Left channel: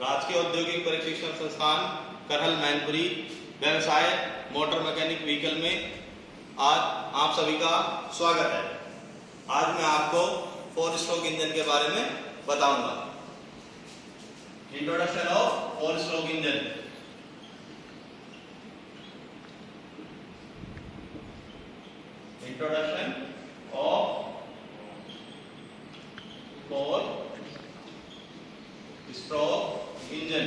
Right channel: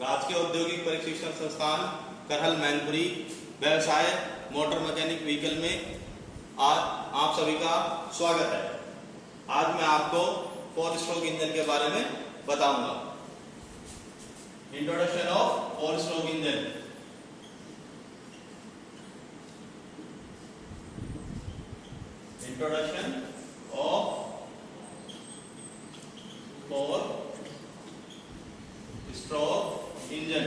राजकीय औद्योगिक प्रशिक्षण संस्थान करहल मैनपुरी व्यवसाय मोटर मैकेनिक व्हीकल में आज आप सभी का स्वागत है। आज मैं आपको 4 स्ट्रोक इंजन के बारे में बताऊंगा। Introduction of 4 stroke engine. Introduction of 4 stroke engine.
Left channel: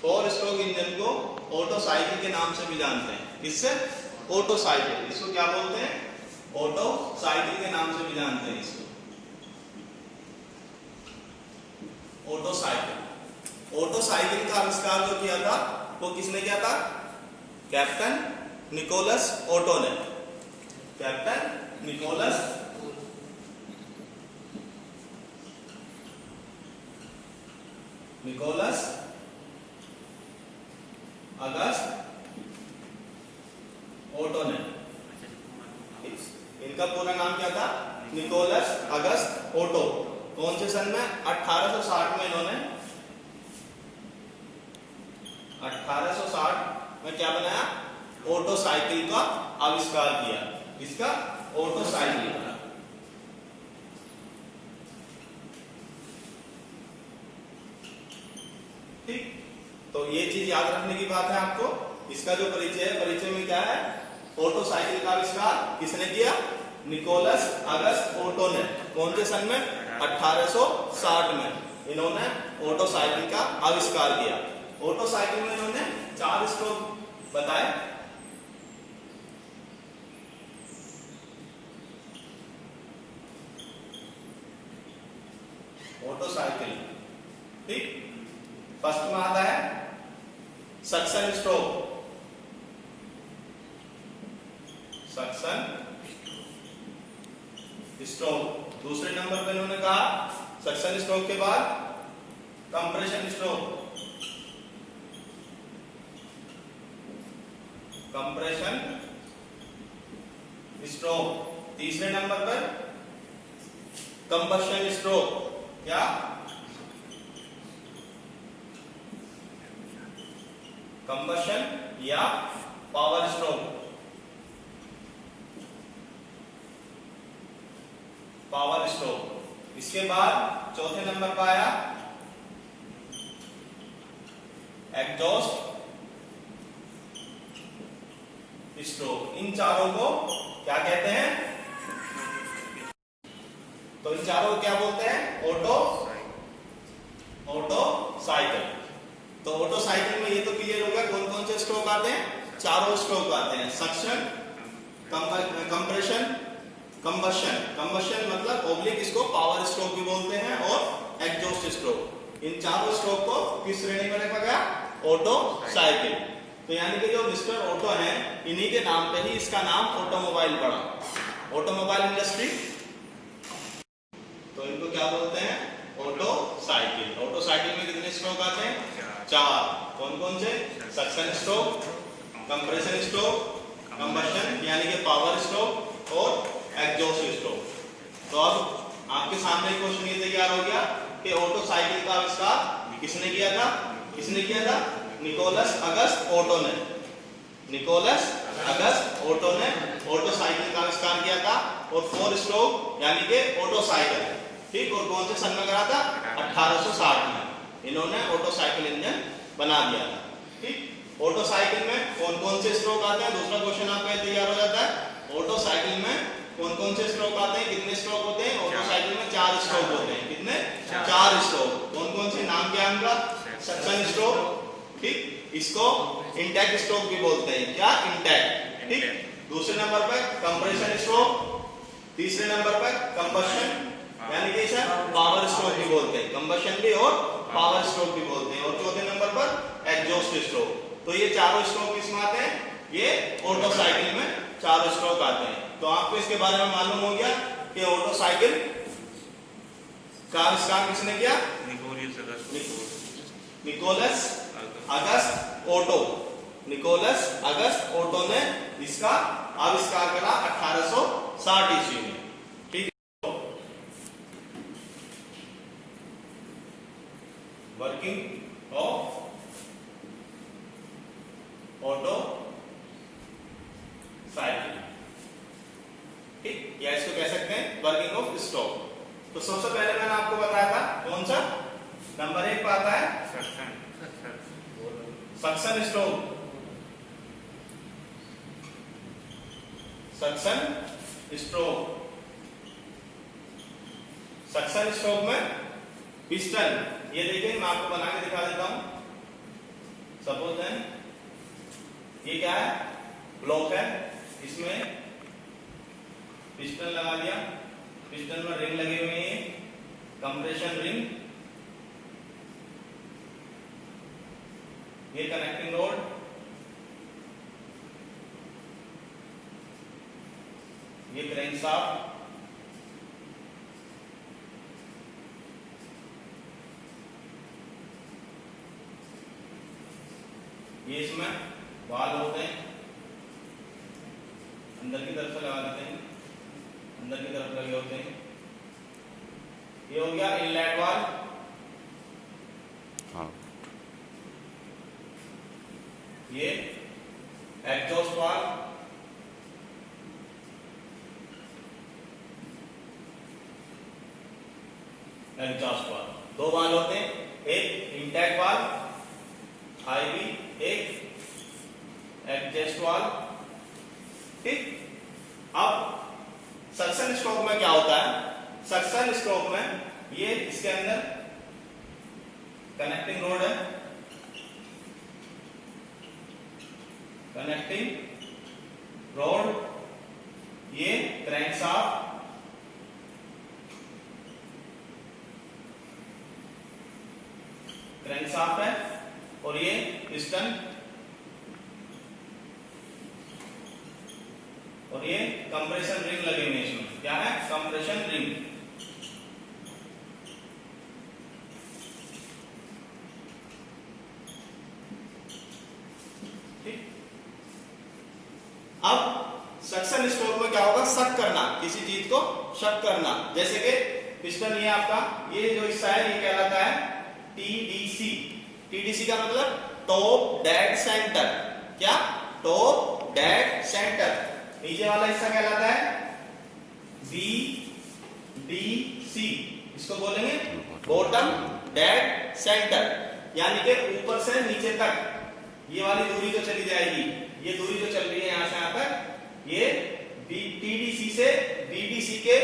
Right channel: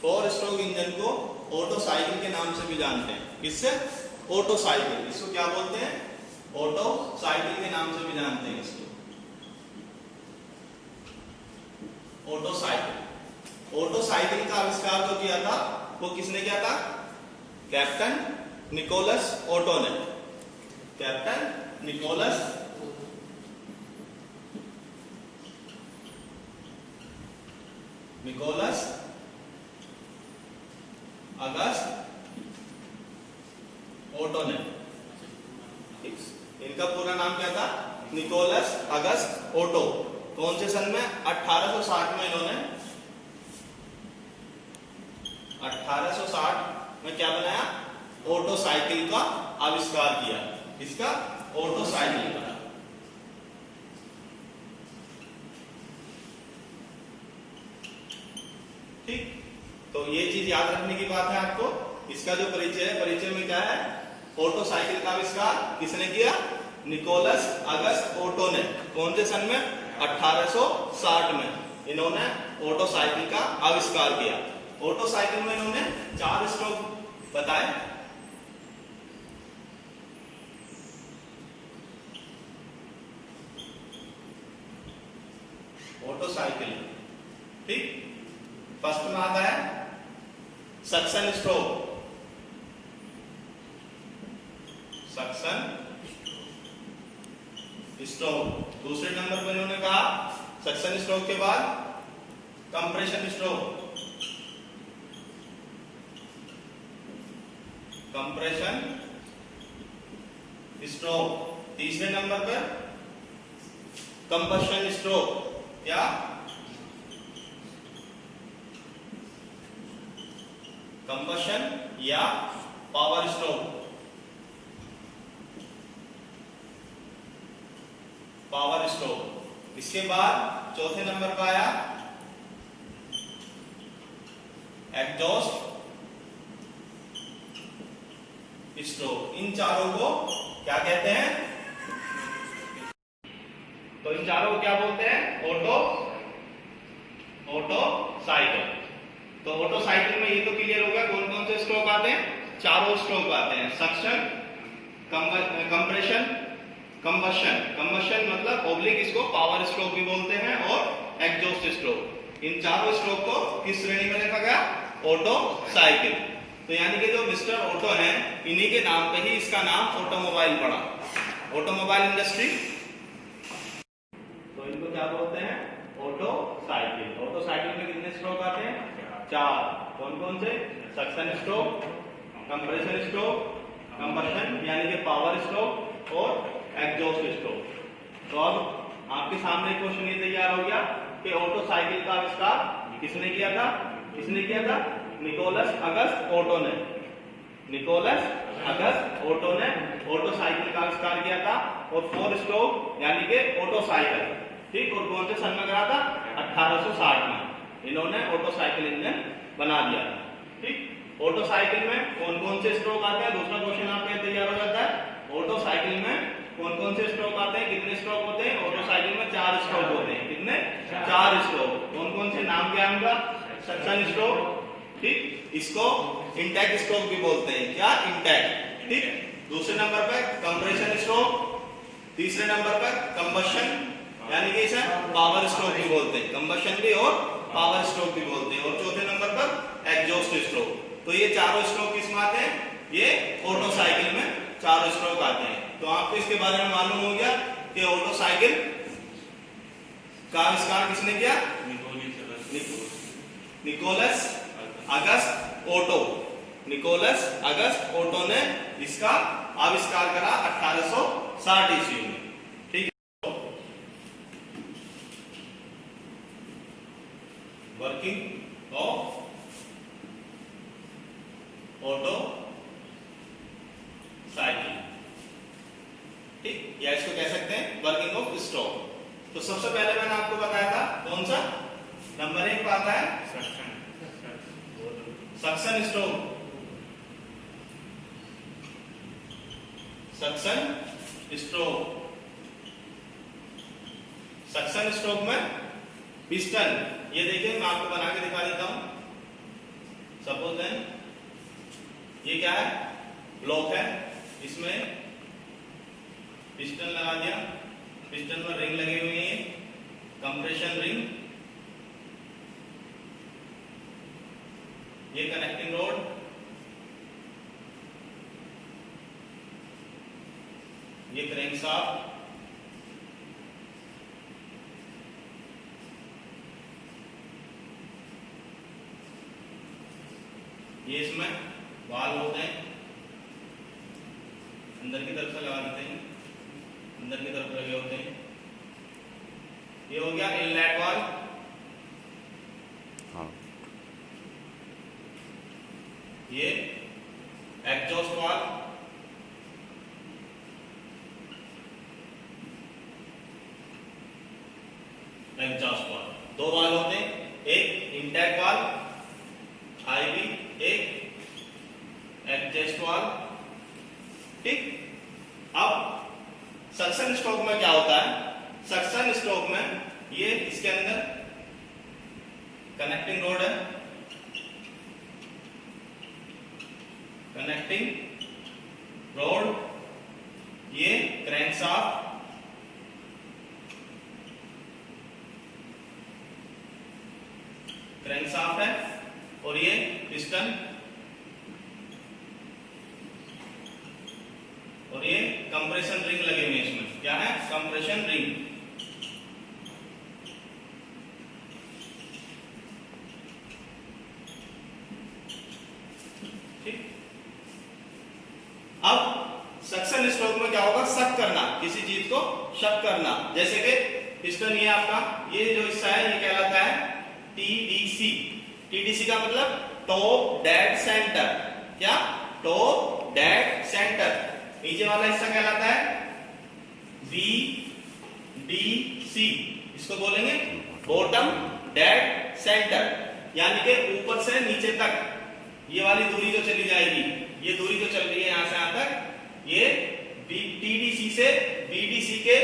4 stroke engine को ऑटो साइकिल के नाम से भी जानते हैं। इससे ऑटो साइकिल, इसको क्या बोलते हैं? ऑटो साइकिल के नाम से भी जानते हैं इसको। Auto cycle. ऑटो साइकिल का आविष्कार जो किया था वो किसने किया था? कैप्टन निकोलस ओटो ने। कैप्टन निकोलस अगस्त ओटो ने। इनका पूरा नाम क्या था? निकोलस अगस्त ओटो। कौन से सन में? 1860 में। इन्होंने 1860 में क्या बनाया? ऑटो साइकिल का आविष्कार किया। इसका ऑटो साइकिल का। ठीक, तो ये चीज याद रखने की बात है आपको। इसका जो परिचय है, परिचय में क्या है? ऑटो साइकिल का आविष्कार किसने किया? निकोलस अगस्त ओटो ने। कौन से सन में? 1860 में इन्होंने ऑटो साइकिल का आविष्कार किया। ऑटो साइकिल में इन्होंने 4 स्ट्रोक बताए। ऑटो साइकिल, ठीक। फर्स्ट में आता है सक्शन स्ट्रोक। Suction stroke. दूसरे नंबर पर इन्होंने कहा सक्शन स्ट्रोक के बाद कंप्रेशन स्ट्रोक। Compression stroke. तीसरे नंबर पर कंबशन स्ट्रोक। क्या? कंबशन या पावर स्ट्रोक। Power stroke. इसके बाद चौथे नंबर पर आया एग्जॉस्ट स्ट्रोक। इन चारों को क्या कहते हैं? तो इन चारों को क्या बोलते हैं? Auto cycle. तो ऑटो साइकिल में ये तो क्लियर होगा कौन कौन से स्ट्रोक आते हैं? चारों स्ट्रोक आते हैं। Suction, compression, combustion. कंबशन मतलब ओब्लिक, इसको पावर स्ट्रोक भी बोलते हैं, और एग्जॉस्ट स्ट्रोक। इन चारों स्ट्रोक को किस श्रेणी में रखा गया? Auto cycle. तो यानी कि जो मिस्टर ऑटो है, इन्हीं के नाम पे ही इसका नाम ऑटोमोबाइल पड़ा। Automobile industry. तो इनको क्या बोलते हैं? Auto cycle. ऑटो साइकिल में कितने स्ट्रोक आते हैं? 4। कौन कौन से? Suction stroke, compression stroke, combustion यानी कि पावर स्ट्रोक, और एग्जॉस्ट स्ट्रोक। तो अब आपके सामने क्वेश्चन ये तैयार हो गया कि ऑटो साइकिल का आविष्कार किसने किया था? किसने किया था? निकोलस अगस्त ओटो ने। निकोलस अगस्त ओटो ने ऑटो साइकिल का आविष्कार किया था, और 4 स्ट्रोक यानी कि ऑटो साइकिल, ठीक। और कौन से सन में करा था? 1860 में इन्होंने ऑटो साइकिल इंजन बना दिया था, ठीक। ऑटो साइकिल में कौन कौन से स्ट्रोक आते हैं? दूसरा क्वेश्चन आपका तैयार हो जाता है। ऑटो साइकिल में कौन कौन से स्ट्रोक आते हैं? कितने स्ट्रोक होते हैं? ऑटो साइकिल में 4 स्ट्रोक होते हैं। कितने? 4 स्ट्रोक। कौन कौन से? नाम क्या है उनका? सक्शन स्ट्रोक, ठीक। इसको इंटैक स्ट्रोक भी बोलते हैं। क्या? इंटैक, ठीक। दूसरे नंबर पर कंप्रेशन स्ट्रोक। तीसरे नंबर पर कंबशन यानी कि इसे पावर स्ट्रोक भी बोलते हैं। कंबशन भी और पावर स्ट्रोक भी बोलते हैं। और चौथे नंबर पर एग्जॉस्ट स्ट्रोक। तो ये चारों स्ट्रोक किस में आते हैं? ये ऑटो साइकिल में 4 स्ट्रोक आते हैं। तो आपको इसके बारे में मालूम हो गया कि ऑटो साइकिल का आविष्कार किसने किया? निकोलस अगस्त ओटो। निकोलस अगस्त ओटो ने इसका आविष्कार करा 1860 ईस्वी में, ठीक है। वर्किंग ऑफ ऑटो साइकिल, ठीक, या इसको कह सकते हैं वर्किंग ऑफ स्ट्रोक। तो सबसे पहले मैंने आपको बताया था कौन सा नंबर 1 पर आता है suction stroke. Suction stroke, suction stroke में पिस्टन, ये देखिए मैं आपको बना के दिखा देता हूं। सपोज देन ये क्या है, ब्लॉक है, इसमें पिस्टन लगा दिया, पिस्टन में रिंग लगी हुई है, कंप्रेशन रिंग, ये कनेक्टिंग रोड, ये क्रैंकशाफ्ट, ये इसमें वाल होते हैं, अंदर की तरफ से लगा देते हैं, अंदर की तरफ लगे होते हैं। ये हो गया इनलेट वाल, ये एग्जॉस्ट वाल, एग्जॉस्ट वाल, दो वाल होते हैं, एक इंटैक वाल आईवी, एक एग्जॉस्ट वाल, ठीक। अब सक्शन स्ट्रोक में क्या होता है, सक्शन स्ट्रोक में ये इसके अंदर कनेक्टिंग रोड है, कनेक्टिंग रोड, ये क्रैंकशाफ्ट, क्रैंकशाफ्ट है, और ये पिस्टन, और ये कंप्रेशन रिंग लगे हुए हैं। इसमें क्या है, कंप्रेशन रिंग, ठीक। अब सक्शन स्ट्रोक में क्या होगा, शक करना, किसी चीज को शक करना, जैसे कि पिस्टन ये आपका, ये जो हिस्सा है ये कहलाता है टीडीसी। टीडीसी का मतलब टॉप डेड सेंटर, क्या, टॉप डेड सेंटर। नीचे वाला हिस्सा कहलाता है बीडीसी, इसको बोलेंगे बॉटम डेड सेंटर, यानी कि ऊपर से नीचे तक ये वाली दूरी जो चली जाएगी, ये दूरी जो चल रही है यहां से यहां तक, ये टीडीसी से बीडीसी के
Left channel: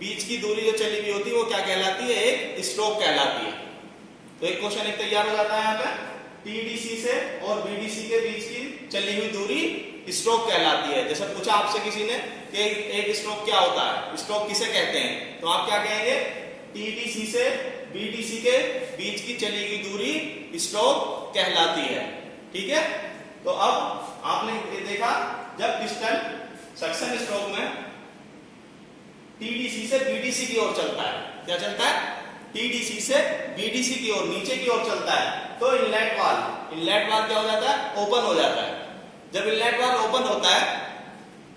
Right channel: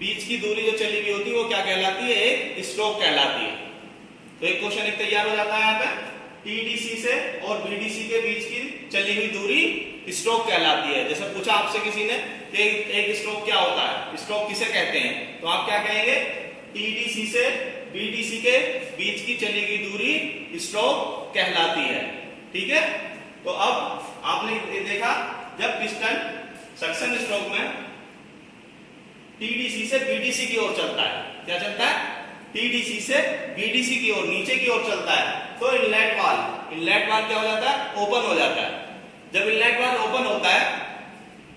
बीच की दूरी जो चली हुई होती है वो क्या कहलाती है, एक स्ट्रोक कहलाती है। तो एक क्वेश्चन एक तैयार हो जाता है यहाँ पे, टीडीसी से और बीडीसी के बीच की चली हुई दूरी स्ट्रोक कहलाती है। जैसे पूछा आपसे किसी ने कि एक स्ट्रोक क्या होता है, स्ट्रोक किसे कहते हैं, तो आप क्या कहेंगे, टीडीसी से बीडीसी के बीच की चली गई दूरी स्ट्रोक कहलाती है, ठीक है। तो अब आपने देखा, जब पिस्टन सक्शन स्ट्रोक में टीडीसी से बीडीसी की ओर चलता है, क्या चलता है, टीडीसी से बीडीसी की ओर, नीचे की ओर चलता है, तो इनलेट वाल क्या हो जाता है, ओपन हो जाता है। जब इनलेट वाल ओपन होता है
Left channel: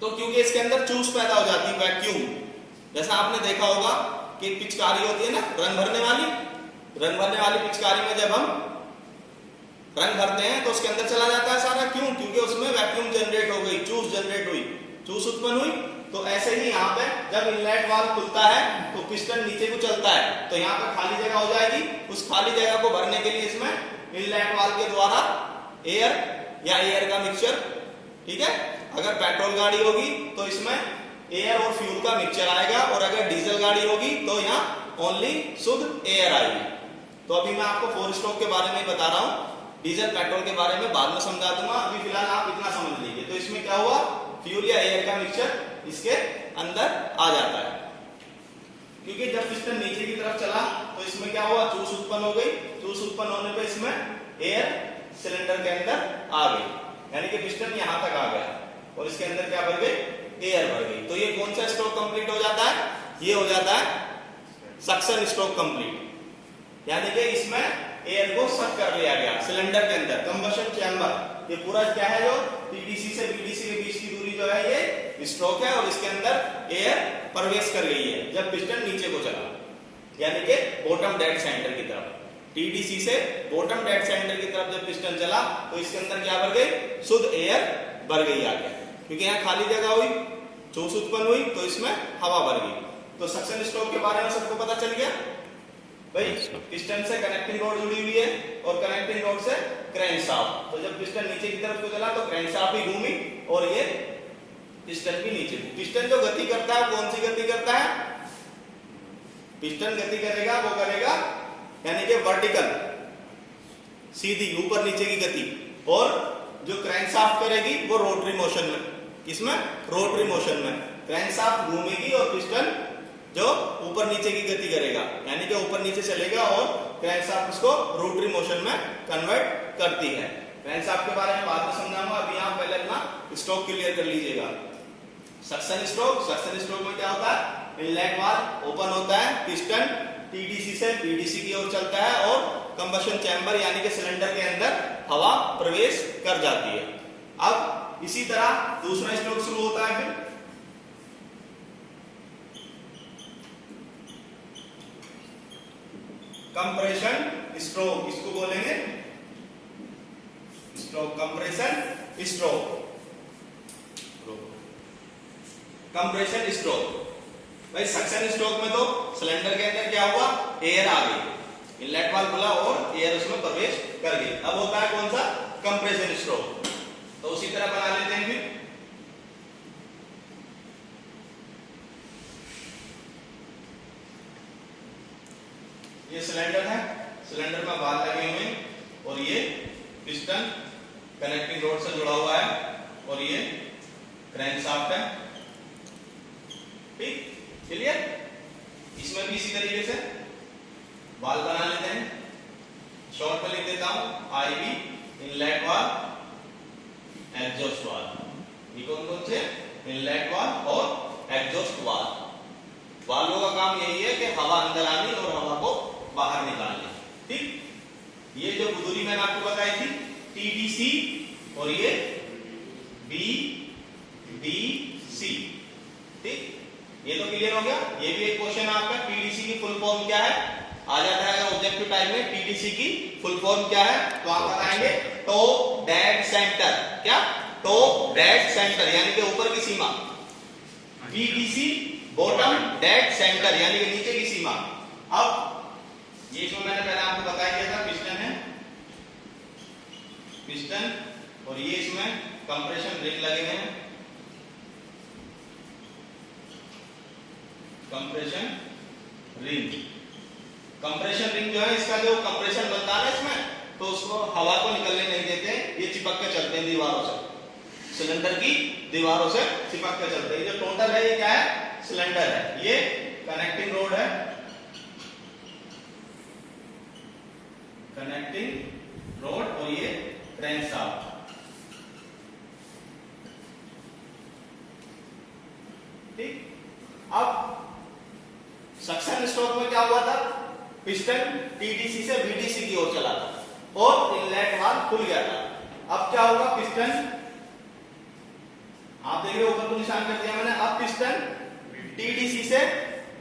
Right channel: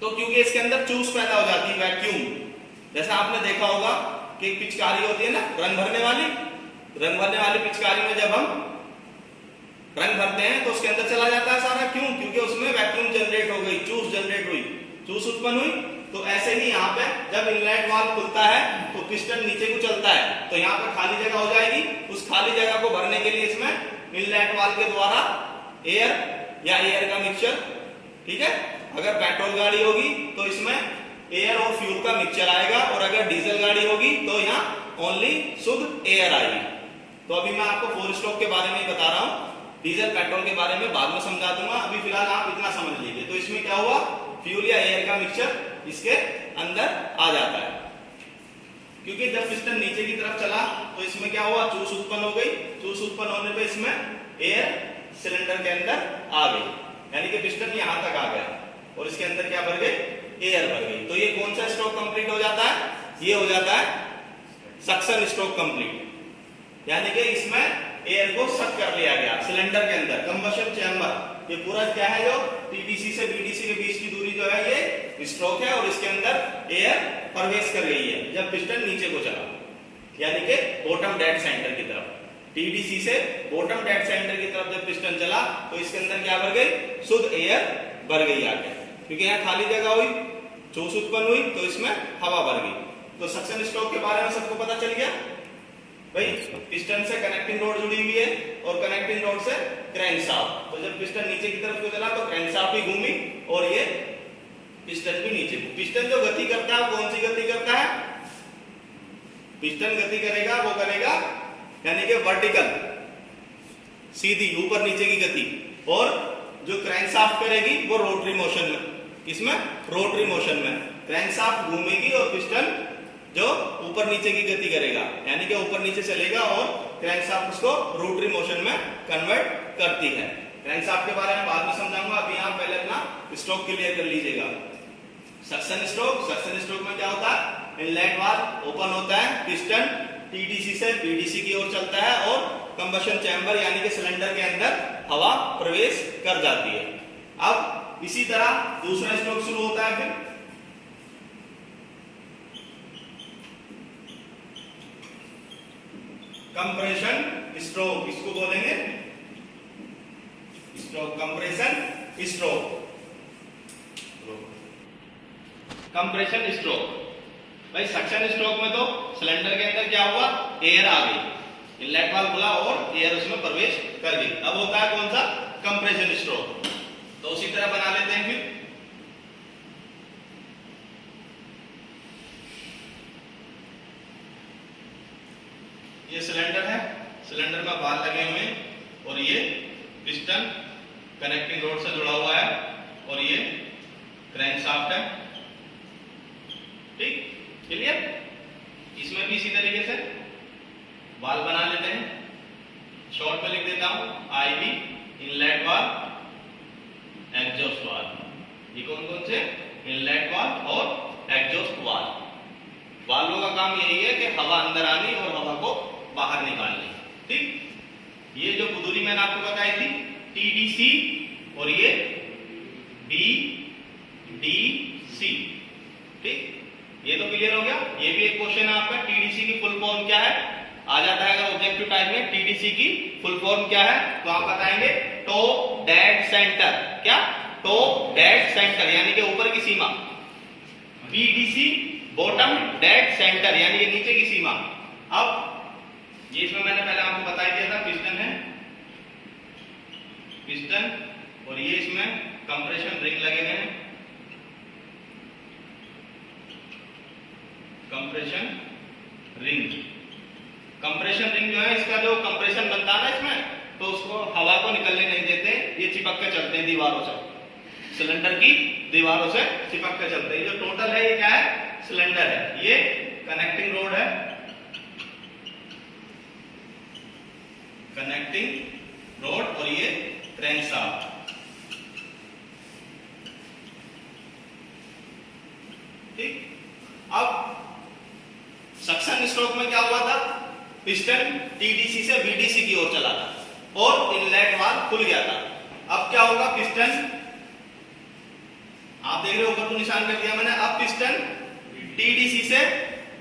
तो क्योंकि इसके अंदर चूस पैदा हो जाती है, वैक्यूम, जैसा आपने देखा होगा कि एक पिचकारी होती है ना रंग भरने वाली पिचकारी में जब हम रंग भरते हैं तो उसके अंदर चला जाता है सारा, क्यों, क्योंकि उसमें वैक्यूम जनरेट हो गई, चूस जनरेट हुई, चूस उत्पन्न हुई। तो ऐसे ही यहाँ पे जब इनलेट वाल्व खुलता है तो पिस्टन नीचे को चलता है, तो यहाँ पे खाली जगह हो जाएगी, उस खाली जगह को भरने के लिए इसमें इनलेट वाल्व के द्वारा एयर या एयर का मिक्सचर, ठीक है, अगर पेट्रोल गाड़ी होगी तो इसमें एयर और फ्यूल का मिक्सचर आएगा, और अगर डीजल गाड़ी होगी तो यहाँ ओनली शुद्ध एयर आएगी। तो अभी मैं आपको 4 स्ट्रोक के बारे में बता रहा हूँ, डीजल पेट्रोल के बारे में बाद में समझा दूंगा, अभी फिलहाल आप इतना समझ लीजिए। तो इसमें क्या हुआ, फ्यूल या एयर का मिक्सचर इसके अंदर आ जाता है, क्योंकि जब पिस्टन नीचे की तरफ चला तो इसमें क्या हुआ, चूस उत्पन्न हो गई, चूस उत्पन्न होने पे इसमें एयर सिलेंडर के अंदर आ गई, यानी कि पिस्टन यहां तक आ गया और इसके अंदर क्या भर गई, एयर भर गई। तो ये कौन सा स्ट्रोक कंप्लीट हो जाता है, ये हो जाता है सक्शन स्ट्रोक कंप्लीट, यानी कि इसमें एयर को सक कर लिया गया सिलेंडर के अंदर, कंबशन चैम्बर। ये पूरा क्या है, जो टीडीसी से बीडीसी के बीच की दूरी जो है ये स्ट्रोक है, और इसके अंदर एयर प्रवेश कर गई है जब पिस्टन नीचे को चला, यानी कि बॉटम डेड सेंटर की तरफ। टीडीसी से बॉटम डेड सेंटर की तरफ जब पिस्टन चला तो इसके अंदर क्या भर गई, शुद्ध एयर भर गई आगे, क्योंकि यहाँ खाली जगह हुई, चूस उत्पन्न हुई तो इसमें हवा भर गई। तो सक्शन स्ट्रोक के बारे में सबको पता चल गया भाई। पिस्टन से कनेक्टिंग रोड जुड़ी हुई है और कनेक्टिंग रोड से क्रैंकशाफ्ट। तो जब पिस्टन नीचे की तरफ को चला तो क्रैंकशाफ्ट भी घूमी और ये पिस्टन भी नीचे। पिस्टन जो गति करता है कौन सी गति करता है, पिस्टन गति करेगा वो करेगा यानी कि वर्टिकल, सीधी ऊपर नीचे की गति, और जो क्रैंकशाफ्ट करेगी वो रोटरी मोशन में। किसमें, रोटरी मोशन में। क्रैंकशाफ्ट घूमेगी और पिस्टन जो ऊपर नीचे की गति करेगा यानी कि ऊपर नीचे चलेगा और क्रैंकशाफ्ट उसको रोटरी मोशन में कन्वर्ट करती है। क्रैंकशाफ्ट के बारे में बाद में समझाऊंगा, अभी आप पहले अपना स्ट्रोक क्लियर कर लीजिएगा। सक्शन स्ट्रोक, सक्शन स्ट्रोक में क्या होता है, इनलेट वाल्व ओपन होता है, पिस्टन टीडीसी से बीडीसी की ओर चलता है और कंबशन चैम्बर यानी कि सिलेंडर के अंदर हवा प्रवेश कर जाती है। अब इसी तरह दूसरा स्ट्रोक शुरू होता है। फिर कंप्रेशन स्ट्रोक, इसको बोलेंगे stroke, compression stroke, compression stroke. भाई सक्शन स्ट्रोक में तो सिलेंडर के अंदर क्या हुआ, एयर आ गई, इनलेट वाल्व खुला और एयर उसमें प्रवेश कर गई। अब होता है कौन सा, कंप्रेशन स्ट्रोक। तो उसी तरह बना लेते हैं। फिर ये सिलेंडर है, सिलेंडर में वाल्व लगे हुए हैं और ये पिस्टन कनेक्टिंग रोड से जुड़ा हुआ है और ये क्रैंकशाफ्ट है। ठीक, क्लियर। इसमें भी इसी तरीके से वाल्व बना लेते हैं। शॉर्ट में लिख देता हूं, IV, inlet valve, exhaust valve. ये कौन कौन से, इनलेट वाल्व और एग्जॉस्ट वाल्व। वाल्वों का काम यही है कि हवा अंदर आनी और हवा को बाहर निकालनी। ठीक, ये जो बुदूरी मैंने आपको बताई थी टीडीसी और ये डीडीसी। ठीक, ये तो क्लियर हो गया। ये भी एक क्वेश्चन है आपका, टीडीसी की फुल फॉर्म क्या है, आ जाता है अगर ऑब्जेक्टिव टाइप में। टीडीसी की फुल फॉर्म क्या है तो आप बताएंगे टॉप डेड सेंटर। क्या, टॉप डेड सेंटर यानी कि ऊपर की सीमा। बीडीसी बॉटम डेड सेंटर यानी कि नीचे की सीमा। अब ये इसमें मैंने पहले आपको बताया दिया था, पिस्टन है, पिस्टन और ये इसमें कंप्रेशन रिंग लगे हुए हैं, कंप्रेशन रिंग। कंप्रेशन रिंग जो है इसका जो कंप्रेशन बनता है ना इसमें, तो उसको हवा को निकलने नहीं देते, ये चिपक के चलते हैं दीवारों से, सिलेंडर की दीवारों से चिपक के चलते हैं। ये जो टोटल है ये क्या है, सिलेंडर है, ये कनेक्टिंग रोड है, कनेक्टिंग रोड और ये क्रैंकशाफ्ट। ठीक, अब सक्शन स्ट्रोक में क्या हुआ था, पिस्टन टीडीसी से बीडीसी की ओर चला था और इनलेट वाल्व खुल गया था। अब क्या होगा, पिस्टन आप देख रहे हो ऊपर तो निशान कर दिया मैंने। अब पिस्टन टीडीसी से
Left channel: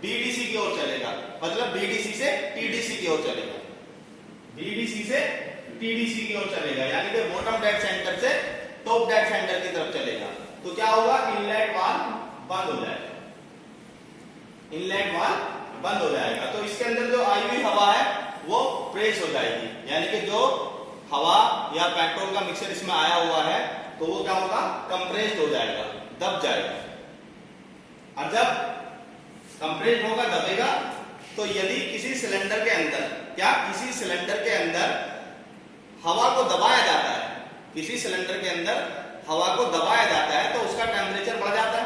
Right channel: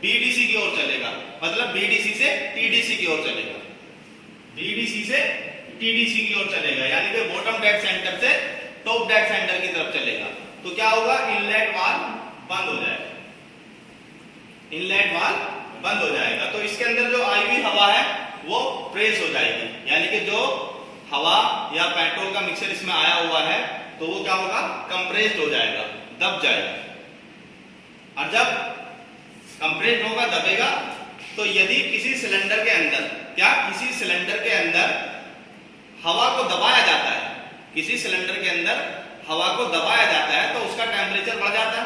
बीडीसी की ओर चलेगा, मतलब बीडीसी से टीडीसी की ओर चलेगा, बीडीसी से टीडीसी की ओर चलेगा यानी कि बॉटम डेड सेंटर से टॉप डेड सेंटर की तरफ चलेगा। तो क्या होगा, इनलेट वाल्व बंद हो जाएगा, इनलेट वाल्व बंद हो जाएगा। तो इसके अंदर जो आई हुई हवा है वो प्रेस हो जाएगी, यानी कि जो हवा या पेट्रोल का मिक्सचर इसमें आया हुआ है तो वो क्या होगा, कंप्रेस्ड हो जाएगा, दब जाएगा। और जब कंप्रेस्ड होगा, दबेगा, तो यदि किसी सिलेंडर के अंदर, क्या किसी सिलेंडर के अंदर हवा को दबाया जाता है, किसी सिलेंडर के अंदर हवा को दबाया जाता है तो उसका टेम्परेचर बढ़ जाता है,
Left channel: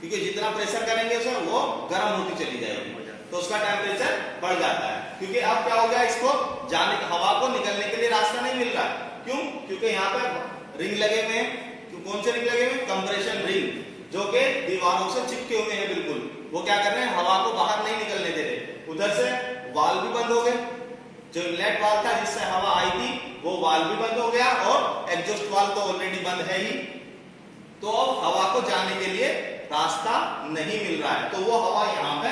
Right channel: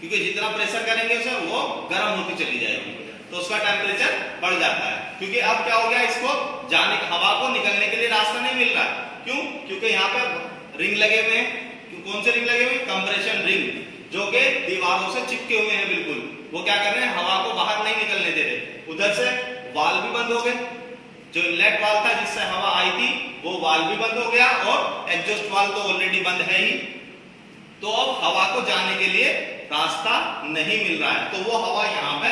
क्योंकि जितना प्रेशर करेंगे सर वो गर्म होती चली जाएगी, तो उसका टेम्परेचर बढ़ जाता है। क्योंकि अब क्या हो गया, इसको जाने, हवा को निकलने के लिए रास्ता नहीं मिल रहा है। क्यों, क्योंकि यहाँ पे रिंग लगे हुए हैं। कौन से रिंग लगे हुए हैं, कंप्रेशन रिंग, जो कि दीवारों से चिपके हुए हैं बिल्कुल। वो क्या कर रहे हैं, हवा को बाहर नहीं निकलने दे रहे। उधर से वाल्व भी बंद हो गए, जो इनलेट वाल्व था जिससे हवा आई थी वो वाल्व भी बंद हो गया और एग्जॉस्ट वाल्व तो ऑलरेडी बंद है ही। तो अब हवा को जाने के लिए रास्ता नहीं मिल रहा है, तो वो हवा यहाँ पे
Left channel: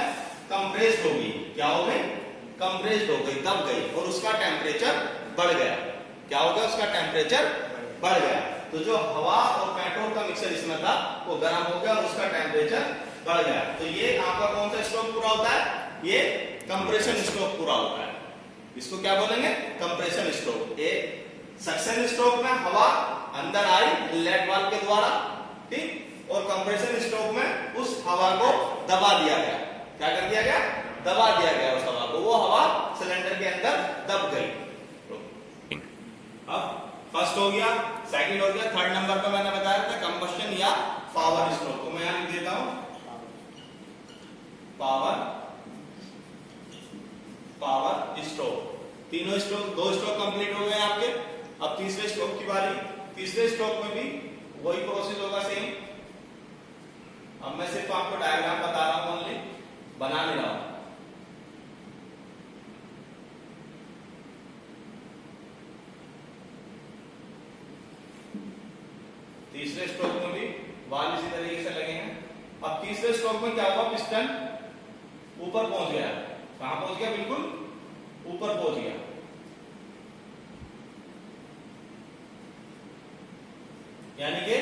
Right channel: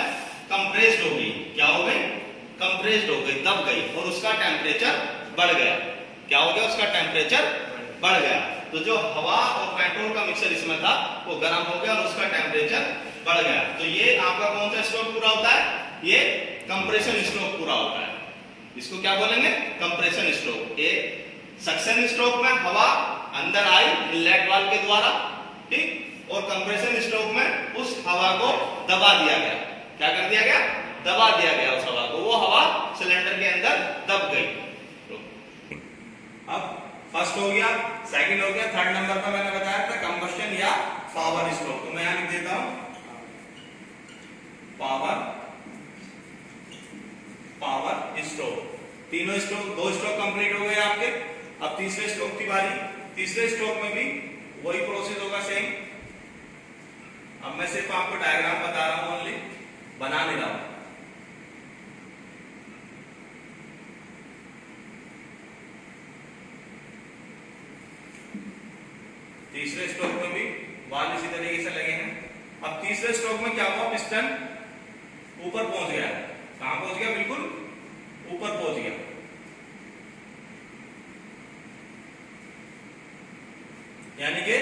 कंप्रेस्ड होगी। क्या हो गई, कंप्रेस्ड कंप्रेस्ड हो गई, दब गई और उसका टेम्परेचर बढ़ गया। क्या हो गया? उसका टेम्परेचर बढ़ गया। तो जो हवा और पेट्रोल का मिक्सचर इसमें था वो गर्म हो गया और उसका टेम्परेचर बढ़ गया। तो ये आपका कौन सा स्ट्रोक पूरा होता है? ये कंप्रेशन स्ट्रोक पूरा होता है। इसको क्या बोलेंगे? Compression stroke. ये सक्शन स्ट्रोक में हवा अंदर आई इनलेट वाल्व के द्वारा, ठीक, और कंप्रेशन स्ट्रोक में उस हवा को दबा दिया गया। क्या कर दिया गया? दबा दिया गया उस हवा को, वो हवा सिलेंडर के अंदर दब गई। अब फर्स्ट हो गया, सेकंड हो गया, थर्ड नंबर पे मैंने बताया था कंबस्शन या पावर स्ट्रोक। तो मैं यहां लिख देता हूं पावर स्ट्रोक। तीनों स्ट्रोक, दो स्ट्रोक कंप्लीट हो गए आपके। अब तीसरे स्ट्रोक की बारी। तीसरे स्ट्रोक में भी वही प्रोसेस होगा, सेम। अब मैं सिर्फ आपको डायग्राम बता रहा हूं, ओनली बना नहीं रहा हूं। तीसरे स्ट्रोक में भी वाल्व इसी तरीके से लगे हैं। अब तीसरे स्ट्रोक में क्या हुआ? पिस्टन ऊपर पहुंच गया। कहां पहुंच गया? बिल्कुल ऊपर पहुंच गया। यानी कि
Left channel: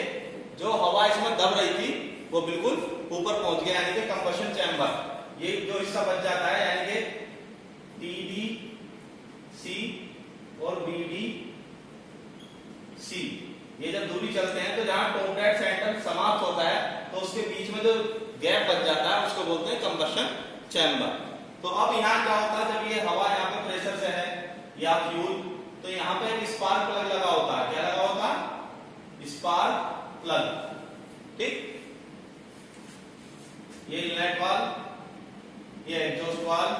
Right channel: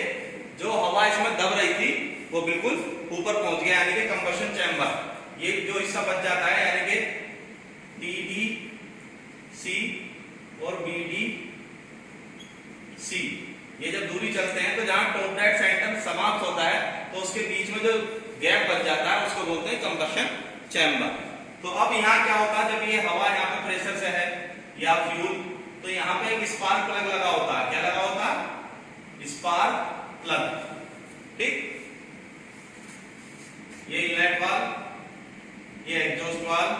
जो हवा इसमें दब रही थी वो बिल्कुल ऊपर पहुंच गया, यानी कि कंबशन चैम्बर। ये जो हिस्सा बच जाता है, यानी कि TDC और BDC, ये जब दूरी चलते हैं तो जहां टॉप डेड सेंटर समाप्त होता है तो उसके बीच में जो गैप बच जाता है उसको बोलते हैं कंबशन चैम्बर। तो अब यहाँ क्या होता है? जब ये हवा यहाँ पे प्रेशर से है या फ्यूल, तो यहाँ पे एक स्पार्क प्लग लगा होता है। क्या लगा होता है? स्पार्क प्लग, ठीक। ये इनलेट वाल्व, ये एग्जॉस्ट वाल्व,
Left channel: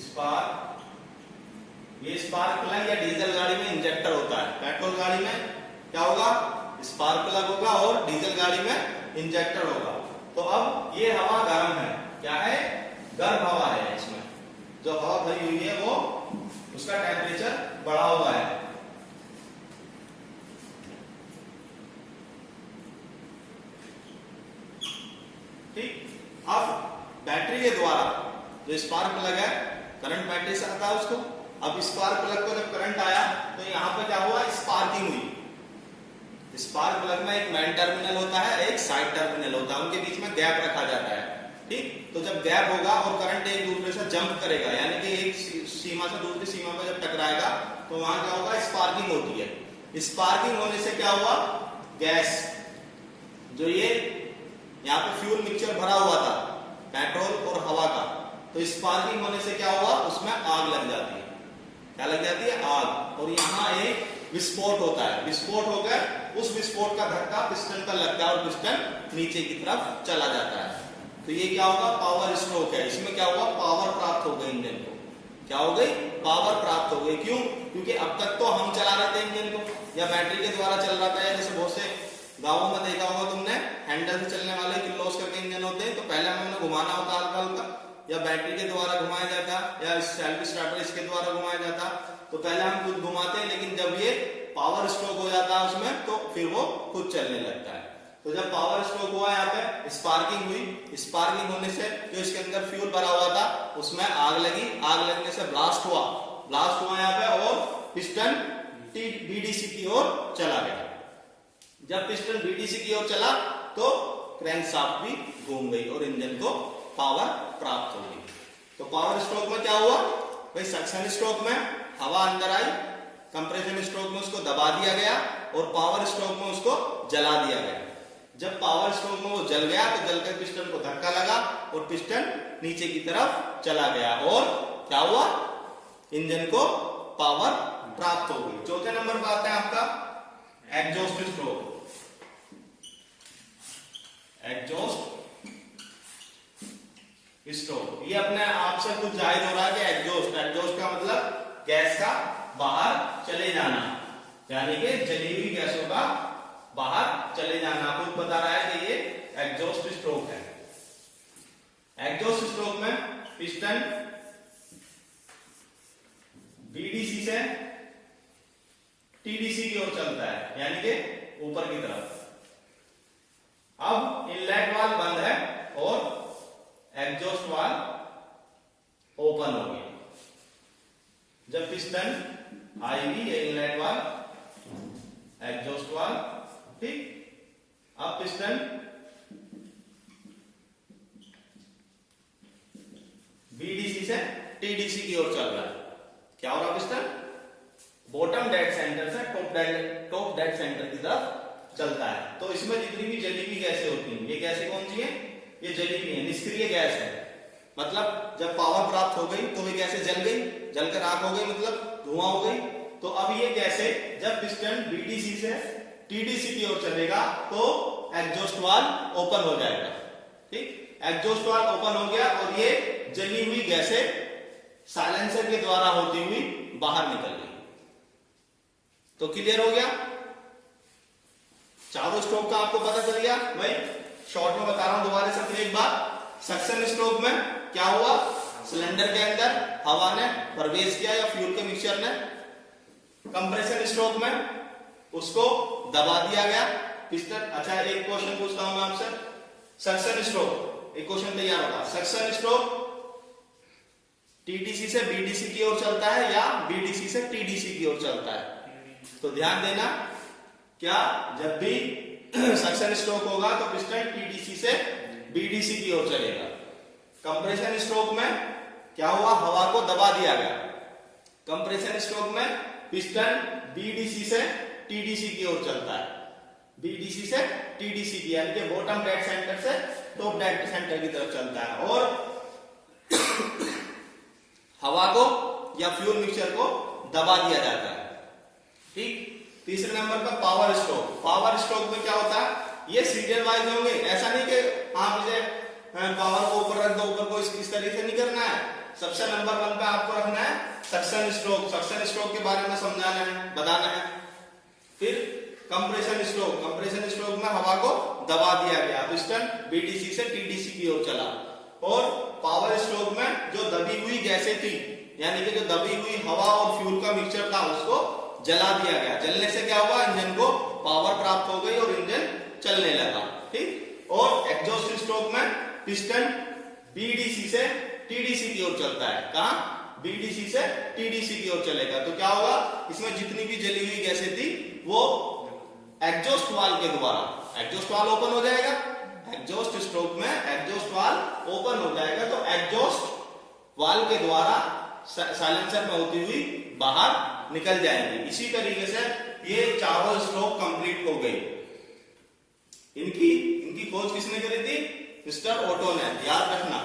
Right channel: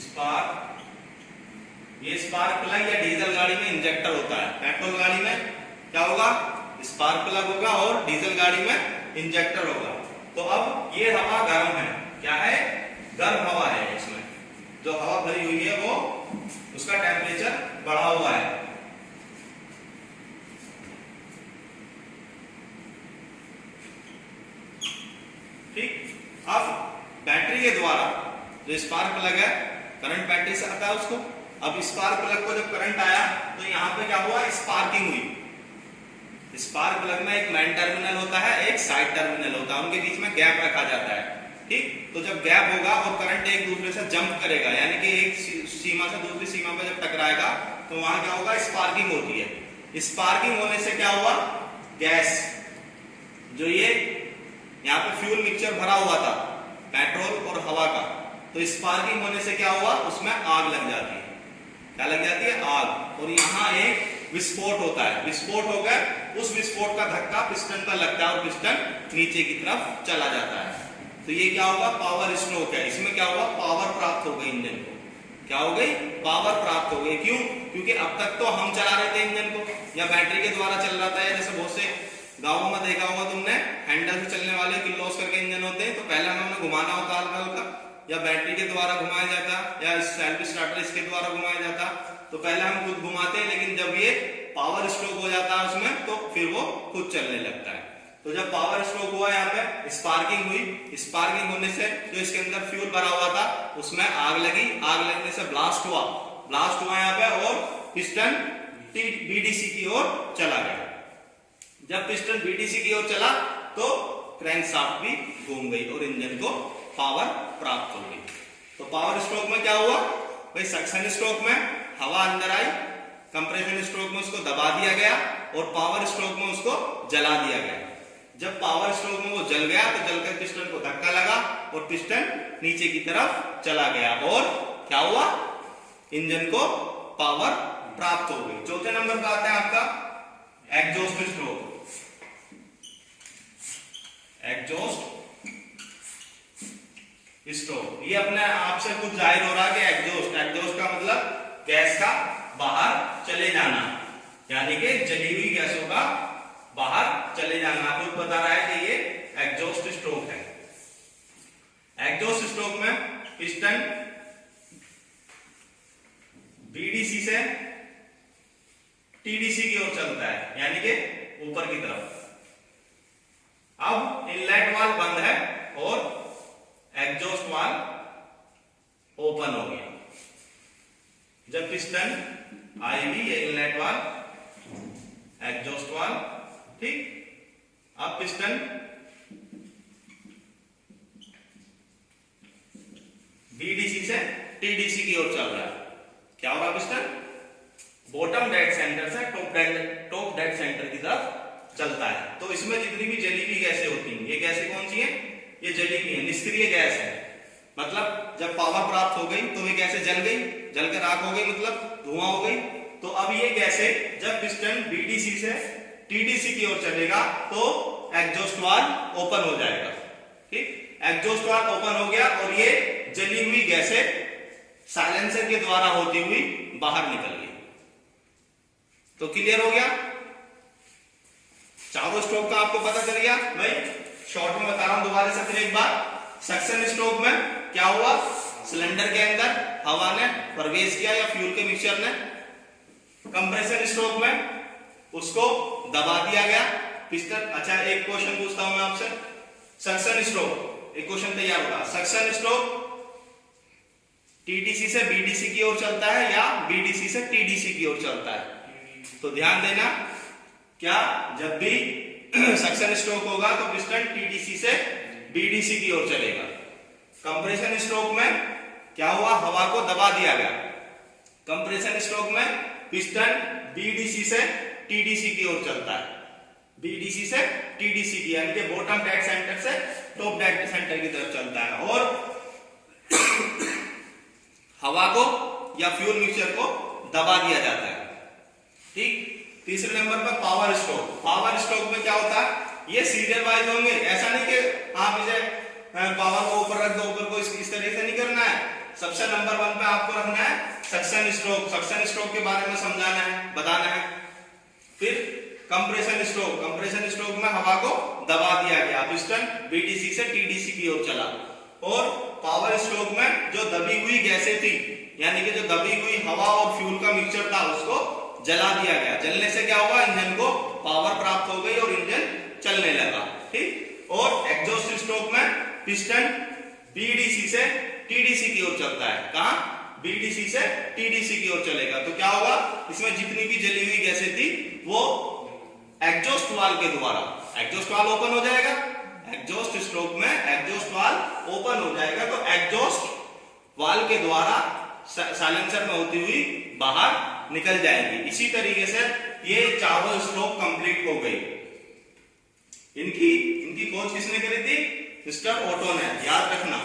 स्पार्क। ये स्पार्क प्लग या डीजल गाड़ी में इंजेक्टर होता है। पेट्रोल गाड़ी में क्या होगा? स्पार्क प्लग होगा और डीजल गाड़ी में इंजेक्टर होगा। तो अब ये हवा गर्म है। क्या है? गर्म हवा है। इसमें जो हवा भरी हुई है वो उसका टेम्परेचर बढ़ा हुआ है। ठीक। अब बैटरी के द्वारा जो स्पार्क प्लग है, करंट बैटरी से आता है उसको। अब स्पार्क प्लग को जब करंट आया तो यहाँ पे क्या हुआ? स्पार्किंग हुई। स्पार्क प्लग में एक मेन टर्मिनल होता है, एक साइड टर्मिनल होता है, उनके बीच में गैप रखा जाता है, ठीक। तो जब गैप होगा और करंट एक दूसरे से जंप करेगा, यानी कि एक सीमा से दूसरी सीमा पे जब टकराएगा तो वहां क्या होगा? स्पार्किंग होती है। स्पार्किंग होने से क्या हुआ? गैस, जो ये यहाँ पे फ्यूल मिक्सचर भरा हुआ था पेट्रोल और हवा का, तो स्पार्किंग होने से क्या हुआ? उसमें आग लग जाती है। क्या लग जाती है? आग। और यहाँ एक विस्फोट होता है। विस्फोट होकर उस विस्फोट का धक्का पिस्टन पर लगता है और पिस्टन नीचे की तरफ चला जाता है। तो ये क्या होगा? पावर स्ट्रोक है। इसमें क्या हुआ? पावर प्राप्त हो गई इंजन को। क्या हो गई? पावर प्राप्त हो गई। क्यों? क्योंकि अब तक तो हम चला रहे थे इंजन को या बैटरी के द्वारा चल रहा था। जैसे बहुत से गाँवों में देखा होगा तुमने, हैंडल से चलने वाले किलोस करके इंजन होते हैं, तो पहले हमें घुमाना होता हल्का हल्का, या बैटरी के द्वारा घुमाया जाता, या सेल्फ स्टार्टर इसके द्वारा घुमाया जाता। तो पहले हम खुद घुमाते हैं, लेकिन जब ये पावर स्ट्रोक हो जाता है उसमें तो फिर वो खुद चलने लगता है। तो जब पावर स्ट्रोक हुआ, यहाँ पे स्पार्किंग हुई। स्पार्किंग होने से जो इसके अंदर फ्यूल भरा हुआ था उसमें आग लगी। आग लगने से ब्लास्ट हुआ। ब्लास्ट हुआ यहाँ पे और पिस्टन BDC की ओर चला गया। जब पिस्टन BDC की ओर चला तो क्रैंकशाफ्ट भी घूम गई और इंजन को पावर प्राप्त हो गई। तो पावर स्ट्रोक में क्या हुआ भाई? सक्शन स्ट्रोक में हवा अंदर आई, कंप्रेशन स्ट्रोक में उसको दबा दिया गया और पावर स्ट्रोक में उसको जला दिया गया। जब पावर स्ट्रोक में वो जल गया तो जलकर पिस्टन को धक्का लगा और पिस्टन नीचे की तरफ चला गया और क्या हुआ? इंजन को पावर प्राप्त हो गई। चौथे नंबर पर आता है आपका एग्जॉस्ट स्ट्रोक। एग्जॉस्ट स्ट्रोक, ये अपने आप से कुछ जाहिर हो रहा है कि एग्जॉस्ट का मतलब गैस का बाहर चले जाना, यानी कि जली हुई गैसों का बाहर चले जाना। खुद बता रहा है कि ये एग्जॉस्ट स्ट्रोक है। एग्जॉस्ट स्ट्रोक में पिस्टन BDC से TDC की ओर चलता है, यानी कि ऊपर की तरफ। अब इनलेट वाल्व बंद है और एग्जॉस्ट वाल्व ओपन हो गया। जब पिस्टन आईवी या इनलेट वाल्व, एग्जॉस्ट वाल्व, ठीक। अब पिस्टन बीडीसी से टीडीसी की ओर चल रहा है। क्या हो रहा है? पिस्टन बॉटम डेड सेंटर से टॉप डेड सेंटर की तरफ चलता है। तो इसमें जितनी भी जली हुई गैसें होती हैं, ये गैसें कौन सी है? ये जली हुई है, निष्क्रिय गैस है। मतलब जब पावर प्राप्त हो गई तो ये गैसें जल गई, जलकर राख हो गई, मतलब धुआं हो गई। तो अब ये गैसें जब पिस्टन बीडीसी से टीडीसी की ओर चलेगा तो एग्जॉस्ट वाल्व ओपन हो जाएगा, ठीक। एग्जॉस्ट वाल्व ओपन हो गया और ये जली हुई गैसें साइलेंसर के द्वारा होती हुई बाहर निकल गई। तो क्लियर हो गया? चारों स्ट्रोक का आपको पता चल गया भाई। शॉर्ट में बता रहा हूं दोबारा से फिर एक बार। सक्शन स्ट्रोक में क्या हुआ? सिलेंडर के अंदर हवा ने प्रवेश किया या फ्यूल के मिक्सचर ने। कंप्रेशन स्ट्रोक में उसको दबा दिया गया पिस्टन। अच्छा, एक क्वेश्चन पूछता हूं मैं आपसे। सक्शन स्ट्रोक, एक क्वेश्चन तैयार होगा। सक्शन स्ट्रोक टीडीसी से बीडीसी की ओर चलता है या बीडीसी से टीडीसी की ओर चलता है? तो ध्यान देना, क्या जब भी सक्शन स्ट्रोक होगा तो पिस्टन टीडीसी से बीडीसी की ओर चलेगा। कंप्रेशन स्ट्रोक में क्या हुआ? हवा को दबा दिया गया। कंप्रेशन स्ट्रोक में पिस्टन बीडीसी से टीडीसी की ओर चलता है, बीडीसी से टीडीसी की, यानी कि बॉटम डेड सेंटर से टॉप डेड सेंटर की तरफ चलता है और हवा को या फ्यूल मिक्सचर को दबा दिया जाता है, ठीक। तीसरे नंबर पर पावर स्ट्रोक। पावर स्ट्रोक में क्या होता है? ये सीरियल वाइज होंगे। ऐसा नहीं कि आप इसे पावर को ऊपर रख दो, ऊपर को इस तरीके से नहीं करना है। सबसे नंबर 1 पे आपको रखना है सक्शन स्ट्रोक। सक्शन स्ट्रोक के बारे में समझाना है, बताना है। फिर कंप्रेशन स्ट्रोक। कंप्रेशन स्ट्रोक में हवा को दबा दिया गया, पिस्टन बीडीसी से टीडीसी की ओर चला। और पावर स्ट्रोक में जो दबी हुई गैसें थी, यानी कि जो दबी हुई हवा और फ्यूल का मिक्सचर था, उसको जला दिया गया। जलने से क्या हुआ? इंजन को पावर प्राप्त हो गई और इंजन चलने लगा, ठीक। और एग्जॉस्ट स्ट्रोक में पिस्टन बीडीसी से टीडीसी की ओर चलता है। कहां? बीडीसी से टीडीसी की ओर चलेगा। तो क्या होगा? इसमें जितनी भी जली हुई गैसें थी वो एग्जॉस्ट वाल्व के द्वारा, एग्जॉस्ट वाल्व ओपन हो जाएगा। एग्जॉस्ट स्ट्रोक में एग्जॉस्ट वाल्व ओपन हो जाएगा तो एग्जॉस्ट वाल्व के द्वारा साइलेंसर में होती हुई बाहर निकल जाएंगी। इसी तरीके से ये चारों स्ट्रोक कंप्लीट हो गई। इनकी खोज किसने करी थी? मिस्टर ओटो ने। याद रखना,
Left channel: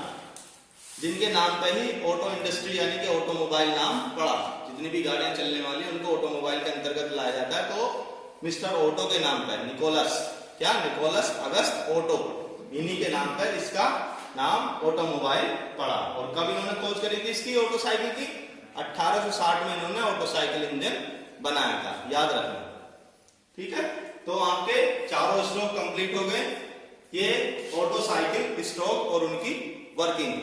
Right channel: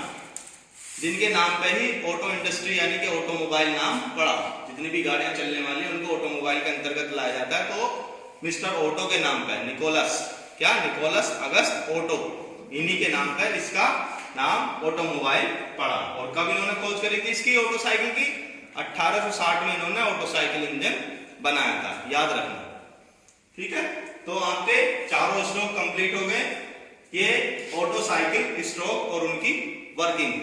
जिनके नाम पे ही ऑटो इंडस्ट्री यानी कि ऑटोमोबाइल नाम पड़ा। जितनी भी गाड़ियां चलने वाली उनको ऑटोमोबाइल के अंतर्गत लाया जाता है। तो मिस्टर ओटो के नाम पे, निकोलस, क्या? निकोलस अगस्त ओटो, इन्हीं के नाम पे इसका नाम ऑटोमोबाइल पड़ा। और कब इन्होंने खोज करी थी इसकी, ऑटो साइकिल की? 1860 में इन्होंने ऑटो साइकिल इंजन बनाया था, याद रखना, ठीक है। तो आपके चारों स्ट्रोक कंप्लीट हो गए। ये ऑटो साइकिल स्ट्रोक और उनकी वर्किंग।